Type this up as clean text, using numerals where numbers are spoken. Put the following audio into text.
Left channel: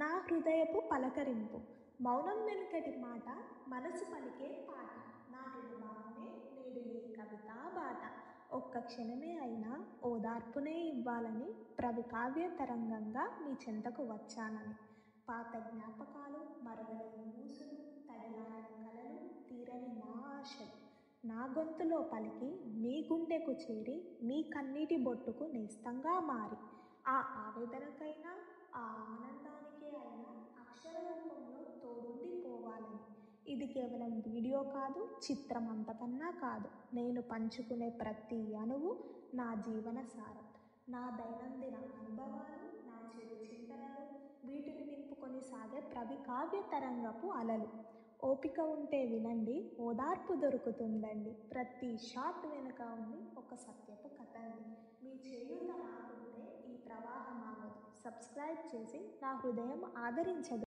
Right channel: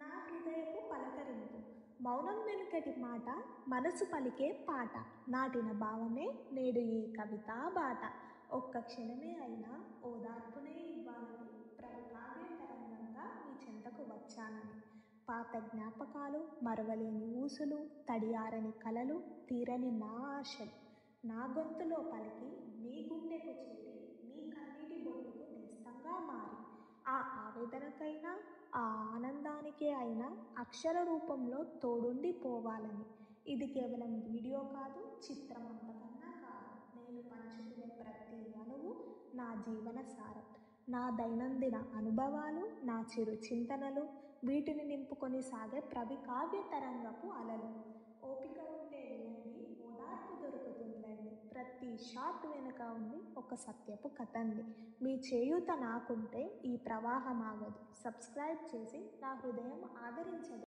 నా హృదయపు పలకరింపు మౌనం వెనుకటి మాట మనసు పలికే పాట నాటిన భావమే నేడు ఈ కవితా బాట ఒక్క క్షణమే అయినా ఓదార్పునే ఇవ్వాలని కావ్య తరంగంగా మీ చెంతకు వచ్చానని పాత జ్ఞాపకాలు మరవలేని ఊసులు తడియారని కలలు తీరని నా ఆశలు నా గొంతులో పలికి మీ గుండెకు చేరి మీ కన్నీటి బొట్టుకు నేస్తంగా మారి ఆ ఆవేదనకైనా ఆ ఆనందానికే అయినా అక్షర రూపంలో తోడుండి పోవాలని ఇది కేవలం వీడియో కాదు, చిత్రం అంతకన్నా కాదు. నేను పంచుకునే ప్రతి అణువు నా జీవన సారం, నా దైనందిన అనుభవాలు, నా చిరు చింతనలు, వీటిని నింపుకొని సాగే కావ్య తరంగపు అలలు. ఓపిక ఉంటే వినండి, ఓదార్పు దొరుకుతుందండి. ప్రతి షాట్ వెనుక ఉంది ఒక సత్యపు కథండి. మీ చేయూత నాకుంటే ఈ ప్రవాహం ఆగదు. సబ్స్క్రైబ్ చేసి నా హృదయం ఆదరించగలరు.